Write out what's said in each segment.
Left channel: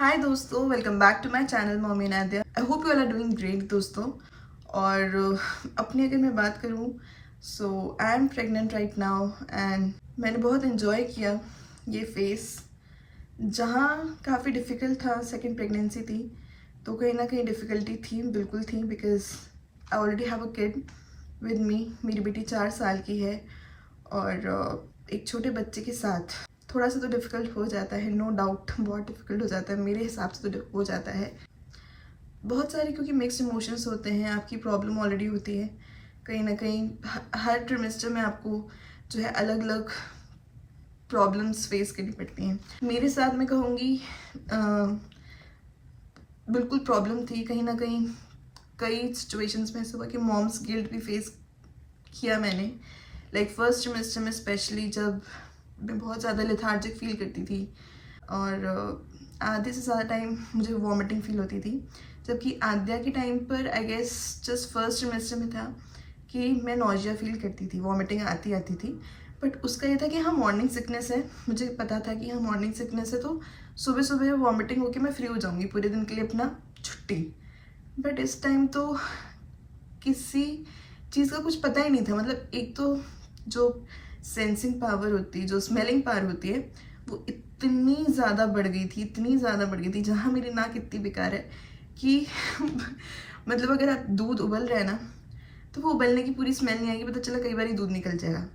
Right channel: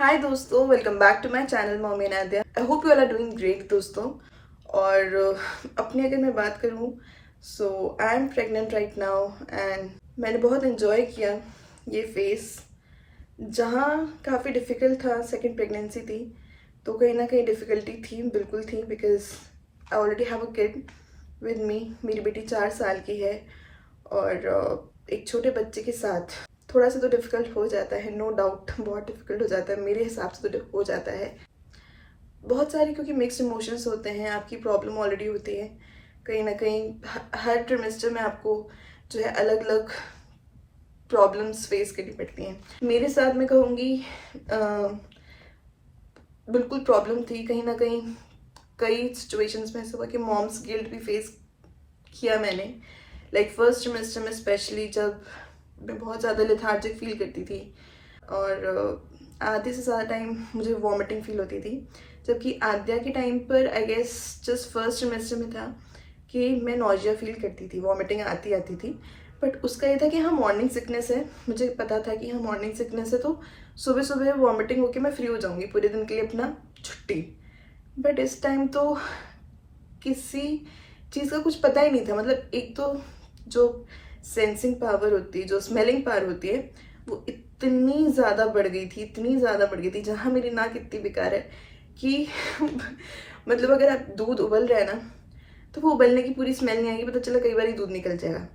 हाय दोस्तों, welcome back to my channel mommy and Aadya. I hope you all are doing great दोस्तों। और अपनी अगर मैं बात करूँ, so I am pregnant right now and मैंने बहुत इन्जॉय किया ये फेस। जहाँ काफ़ी डिफ़िकल्ट था, सेकंड प्रेगनेंसी थी तो कहीं ना कहीं डिफ़िकल्टी थी, बिल्कुल थी, because I already have a kid with me. मेरी बेटी 4 साल की है और एक छोटे बच्चे के साथ थोड़ा सा तो डिफ़िकल्ट हो जाता है, नो डाउट बहुत डिफ़िकल्ट हो जाता है, मेरे हिसाब से तो हो जाता है बहुत सारे, क्योंकि मिक्स्ड इमोशंस होते हैं। आपकी प्रॉब्लम ऑलरेडी होती है कहीं ना कहीं, हर ट्रिमेस्टर में आपको जो है अलग अलग प्रॉब्लम्स फेस करनी पड़ती हैं। मेरे साथ मैं कहूँगी बिल्कुल प्रॉब्लम थी कहीं ना कहीं। कई सिचुएशंस में ऐसा हुआ कि मॉम्स गिल्ट भी फेस किया मैंने। लाइक फर्स्ट सेमेस्टर में स्पेशली, जब मैं बहुत ज़्यादा लेथार्जिक फील करती थी और आधे से ज़्यादा टाइम मुझे वॉमिटिंग फील होती थी। जबकि आद्या के टाइम पर I guess just first semester में था कि मैं नॉजिया फील करती थी, वॉमिटिंग आती आती थी। बट उसका ये था कि हाँ मॉर्निंग सिकनेस है, मुझे पता था कि हाँ मॉर्निंग सिकनेस है तो सुबह सुबह वॉमिटिंग होके मैं फ्री हो जाऊँगी पूरे दिन के लिए, अपना छुट्टी। बट इस टाइम तो किसी चीज़ का कुछ पता ही नहीं था। मतलब एक तो जो सेंसिंग पावर होती है, जो स्मेलिंग पावर होती है, वो इतनी ज़्यादा बढ़ गई थी, इतनी ज़्यादा बढ़ गई थी। जहाँ मेरी नाक इतनी बेकार है कि मतलब अगर आप दूध उबल रहे हैं ना, तो वो उबलने की पूरी स्मेल नहीं आएगी, पता चला कई बार ही दूध निकल जाएगा।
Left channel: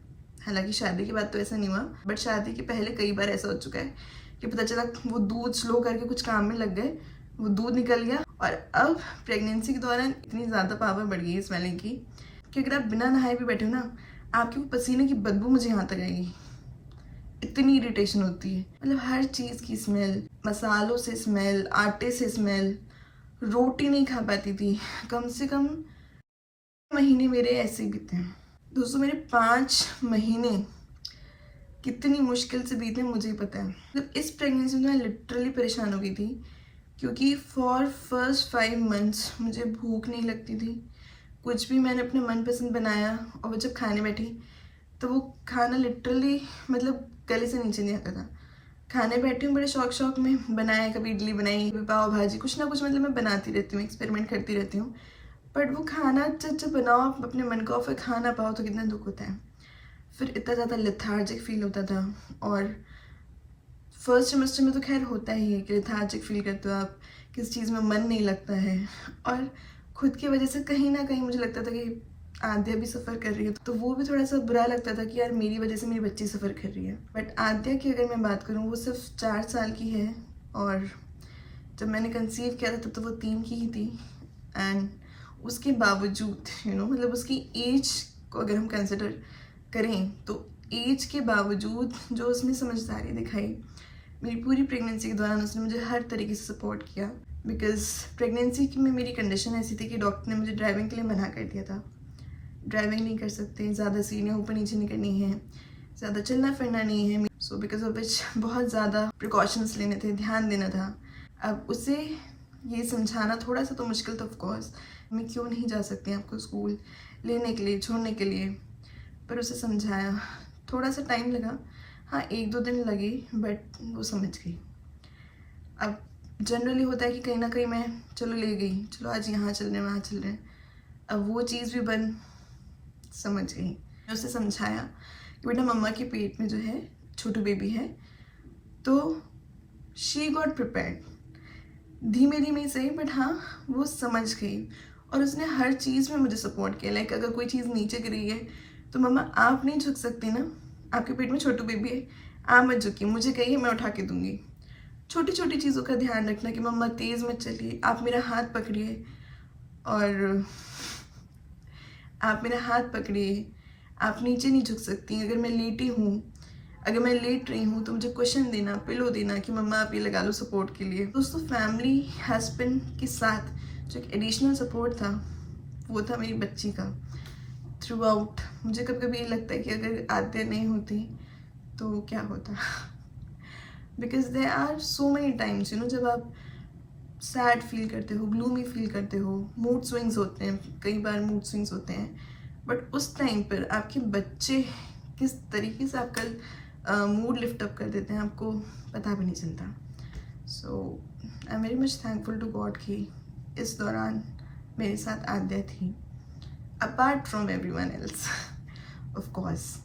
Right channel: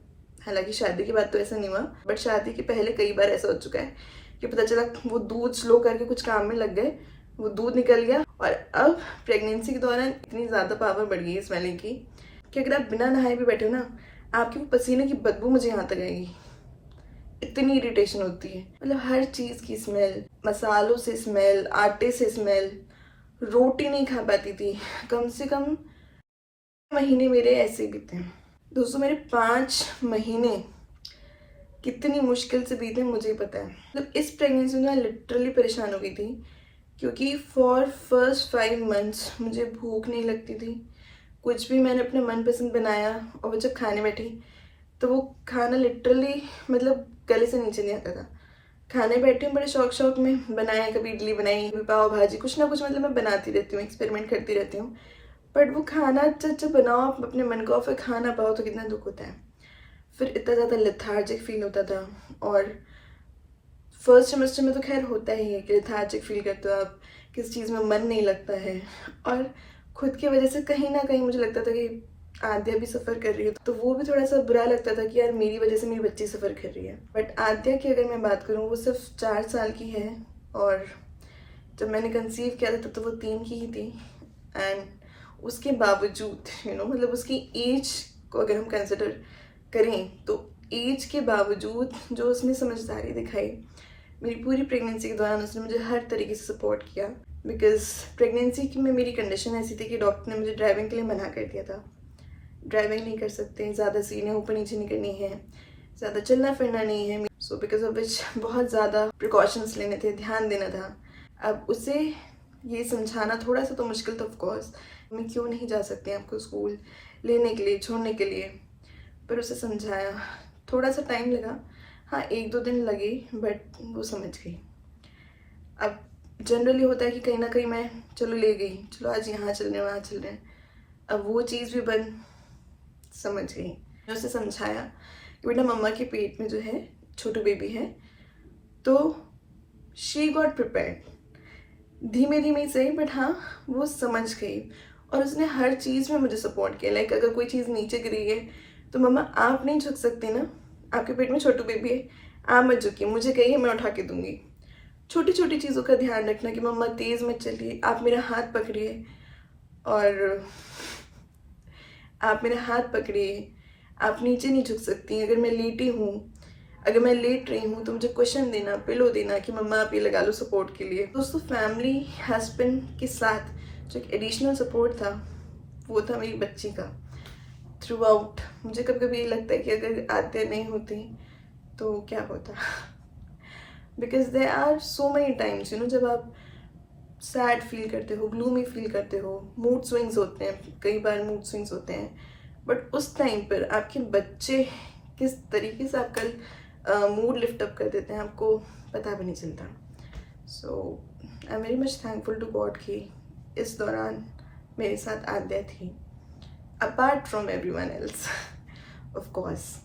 हालांकि शादी के बाद तो ऐसा नहीं हुआ, बट शादी के पहले कई बार ऐसा हो चुका है कि पता चला वो दूध स्लो करके कुछ काम में लग गए, वो दूध निकल गया। और अब प्रेगनेंसी के दौरान इतनी ज़्यादा पावर बढ़ गई है स्मेलिंग की कि अगर आप बिना नहाए भी बैठे हो ना, आपकी वो पसीने की बदबू मुझे यहाँ तक आएगी, इतनी इरिटेशन होती है। मतलब हर चीज़ की स्मेल, मसालों से स्मेल, आटे से स्मेल। रोटी नहीं खा पाती थी, कम से कम महीने मेरे ऐसे बीते हैं दोस्तों। मेरे 5 महीने कितनी मुश्किल से बीते मुझे ही पता है। मतलब इस प्रेगनेंसी में मैं लिटरली परेशान हो गई थी, क्योंकि फॉर फर्स्ट 5 मंथ्स मुझे भूख नहीं लगती थी। कुछ भी मैंने अपने मनपसंद बनाया और वो जब खाने बैठी तो वो खाना लिटरली मतलब गले से नीचे नहीं आता था। खाने बैठी हूँ बड़े शौक शौक में, बनाया, कभी इडली बनाई, कभी पाव भाजी, कुछ ना कुछ मतलब मैं बनाती रहती हूँ, एक्सपेरिमेंट करती रहती हूँ। बट वो खाना जब बनाओ आप अपने मन को, फिर खा ना पाओ तो कितना दुख होता है। फिर इतना ज़्यादा लेथार्जिक फील होता था। और फर्स्ट सेमेस्टर में तो खैर होता ही है कि लेथार्जिक फील करते हो आप, किसी चीज़ में मन नहीं लगता है। और खुद की वजह से कहीं ना कहीं मुझे लगता था कि आद्या भी सफ़र कर रही है, तो वो भी थोड़ा सा बुरा लगता था कि यार मेरी वजह से मेरी बच्ची सफ़र कर रही है। बट आद्या की अगर मैं बात करूँ, वो सिर्फ 4 साल की है और जब मैंने कंसीव किया था तब तो वो 3 की ही थी। एंड उसके बावजूद मतलब उसकी एज को अगर हम कंसिडर करें तो एज के बावजूद जो उसने समझदारी दिखाई, मेरी पूरी प्रेगनेंसी के दौरान उसने मुझे हर तरीके से सपोर्ट किया। बिकॉज प्रेगनेंसी में मेरी कंडीशन ऐसी थी कि डॉक्टर ने मुझे ड्राइविंग के लिए मना कर दिया था। ड्राइविंग नहीं कर सकते, ज़्यादा सीने ऊपर नीचे नहीं करनी है, ज़्यादा चलना फिरना नहीं है। सो बिकॉज ऑफ विच बहुत ज़्यादा प्रिकॉशंस लेने थे, ध्यान देना था। अब उसे ये समझाना थोड़ा सा तो मुश्किल था ऑफकोर्स, मैं क्यों नहीं जा सकती आपको स्कूल लेने के लिए, छोड़ने के लिए। पर उसे समझाया, थोड़ा सा टाइम लगा, हाँ 1-2 दिन लगे, बट वो समझ गई। अब जनरली होता है कि कहीं ना कहीं मैं चलो ले गई, चलो आज यहाँ चल रहे हैं, वहाँ चल रहे हैं, अब वो चीज़ भी बंद। समझ गई। मैंने उसे समझाया कि बेटा मम्मा के पेट में जो है छोटू बेबी है, तो शी गॉट प्रिपेयर्ड, धीमे धीमे ही सही, बट हाँ वो समझ गई। और उसने हर चीज़ में मुझे सपोर्ट किया। लाइक अगर कोई चीज़ नीचे गिरी है तो मम्मा आप नहीं झुक सकती ना, आपके पेट में छोटू बेबी है, आप मत झुकिए, मुझे कहिए, मैं उठा के दूंगी। छोटी छोटी चीज़ों का ध्यान रखना कि मम्मा तेज़ मत चलिए, आप मेरा हाथ पकड़िए, और आप मेरा हाथ पकड़िए, आप नीचे नहीं झुक सकती। अगर मैं लेटी हूँ, अगर मैं लेट रही हूँ तो मुझे क्वेश्चन देना, पिलो देना कि मम्मा आप ये लगा लो सपोर्ट के लिए। दोस्तों फैमिली हस्बैंड के साथ जो एक एडिशनल सपोर्ट था, वो था मेरी बच्ची का थ्रू आउट। मुझे कभी कभी ये लगता है कि अगर आद्या नहीं होती तो क्या होता। Because there are so many times जब आप सैड फील करते हो, ग्लूमी फील करते हो, मूड स्विंग्स होते हैं, कई बार मूड स्विंग्स होते हैं। बट उस टाइम पर आपके बच्चे किस तरीके से आपका मूड लिफ्ट अप कर देते हैं, आपको पता भी नहीं चलता। So I am very much thankful to god कि इस दौरान मेरे साथ आद्या थी, apart from everyone else of course.